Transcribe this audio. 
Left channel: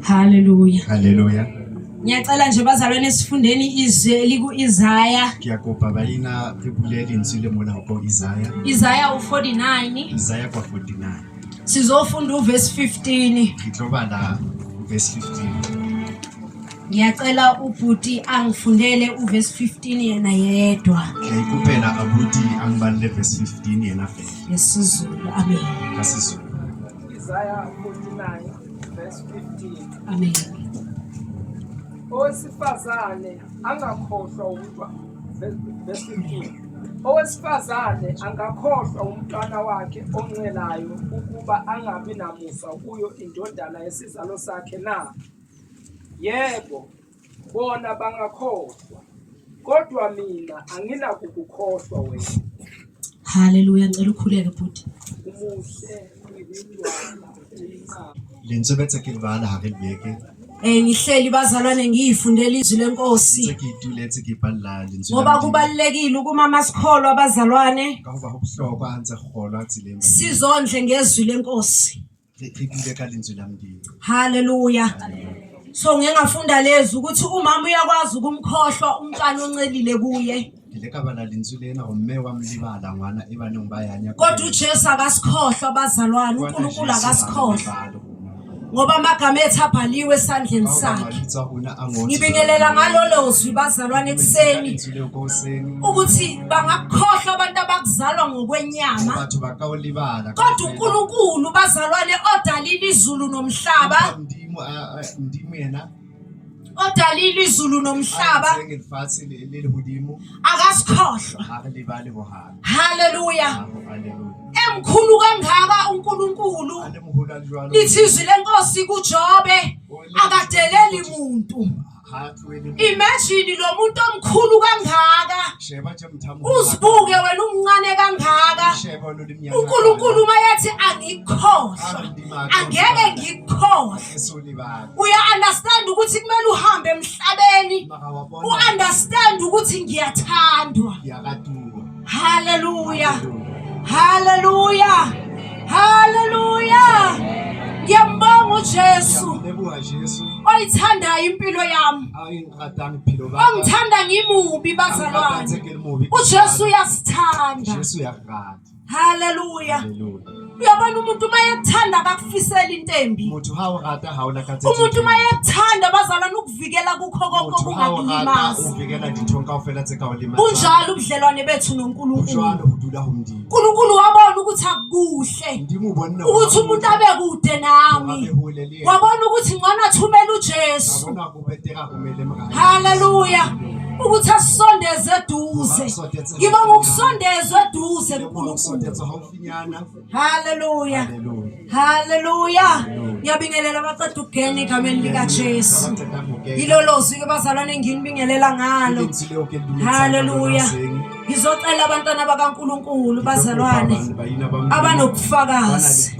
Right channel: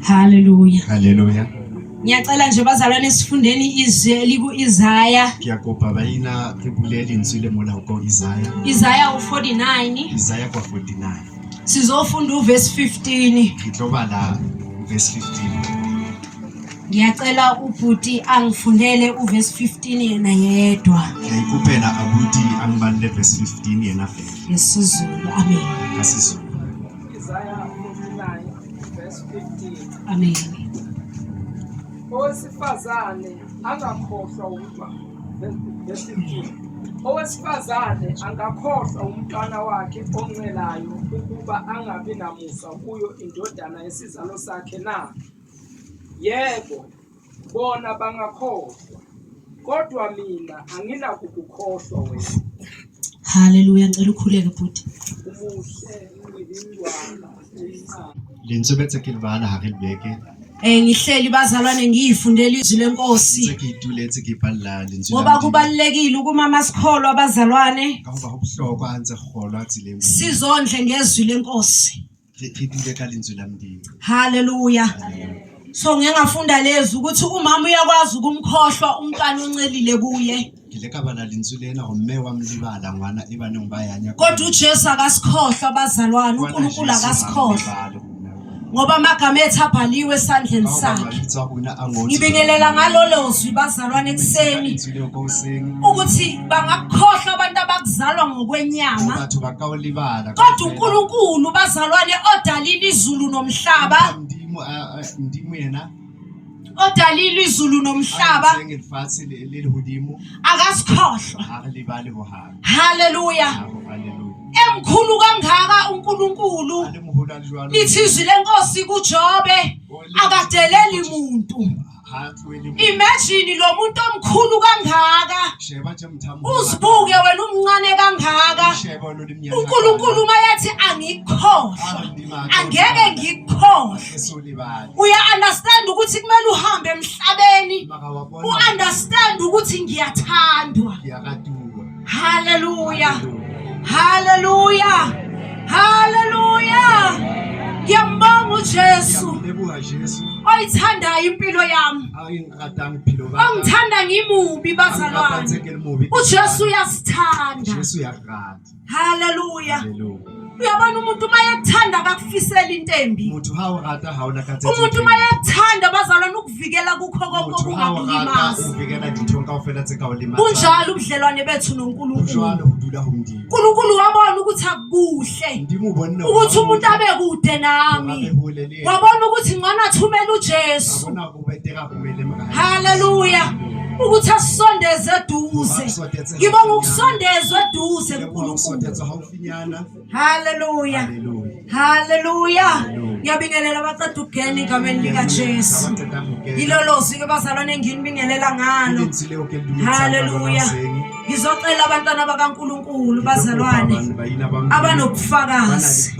Hallelujah. Haleluya. Ngiyacela nje bazalwane sifundeni izwi liku-Isaya. Kiyakopa baina re bulele ntsile mona go Isaya. Isaya u-49. Isaya kwa 49. Sizofunda uverse 15. Ngitloba verse 15. Ngiyacela ubhuti angifundele uverse 15 yena yedwa. Ngiyikuphela abuti angibalele verse 15 yena vele. Yesizulu. Amen. Kasizulu. Isaiah 49 verse 15. Amen. Owesifazane angakhohlwa verse 15. Owesifazane angakhohlwa umntwana wakhe oncelayo ukuba angabi namusa kuyo indodana yesizalo sakhe na? Yebo, bona bangakhohlwa. Kodwa mina anginakukukhohlwa wena. Hallelujah. Ngicela ukhuleke bhuti. Umuhle uyindwana eyincane. Lentswe betse ke lebala ha re lebeke. Ngihleli bazalwane ngiyifundela izwi lenkosi. Tse ke ituletse ke ipalla lentswe. Ngoba kubalekile ukuma sikholwa abazalwane. Ka hoba ho bohlokwa ha ntse kgolwa tseleng. Sizondle ngezwi lenkosi. Re dule ka lentswe la Modimo. Hallelujah. So ngiyengafunda lezi ukuthi umama uyakwazi ukumkhohlwa umntwana oncelile kuye. Ke ka bala lentswe lena go mme wa mlibala ngwana e baneng ba yanya. Kodwa uJesu akasikhohlwa abazalwane, uNkulunkulu akasikhohlwa. Ngoba amagama ethu abhaliwe esandleni sakhe. Ngibingelela ngalolo zwi bazalwane ekseni ukuthi bangakhohlwa abantu abakuzalwa ngokwenyama. Kodwa uNkulunkulu bazalwane odalile izulu nomhlaba. Odalile izulu nomhlaba akasikhohlwa. Hallelujah. Emkhulu kangaka uNkulunkulu lithi izwi lenkosi kuJobe akadeleli umuntu. Imagine lo muntu omkhulu kangaka uzibuke wena umncane kangaka. uNkulunkulu mayethi angikhohlwa angeke ngikhohlwe. Uya understand ukuthi kumele uhambe emhlabeni u-understand ukuthi ngiyathandwa. Hallelujah. Hallelujah. Hallelujah. Ngiyambonga uJesu oyithandayo impilo yami. Ongithanda ngimubi bazalwane. uJesu uyasithanda. Hallelujah. Uyabona umuntu mayekuthanda akakufisela intembi. Umuntu mayekuthanda bazalwane ukuvikela kukho konke okungakulimaza. Kunjalo ubudlelwane bethu noNkulunkulu. uNkulunkulu wabona ukuthi akukuhle ukuthi umuntu abe kude nami. Wabona ukuthi ngcono athumele uJesu. Hallelujah. Ukuthi asondeze eduze. Ngibonga ukusondezwa eduze kuNkulunkulu. Hallelujah. Hallelujah. Ngiyabingelela abaqeda ukugena igameni lika Jesu. Yilolozi ke bazalwane enginibingelela ngalo. Hallelujah. Ngizocela abantwana bakaNkulunkulu bazalwane abanokufakazi.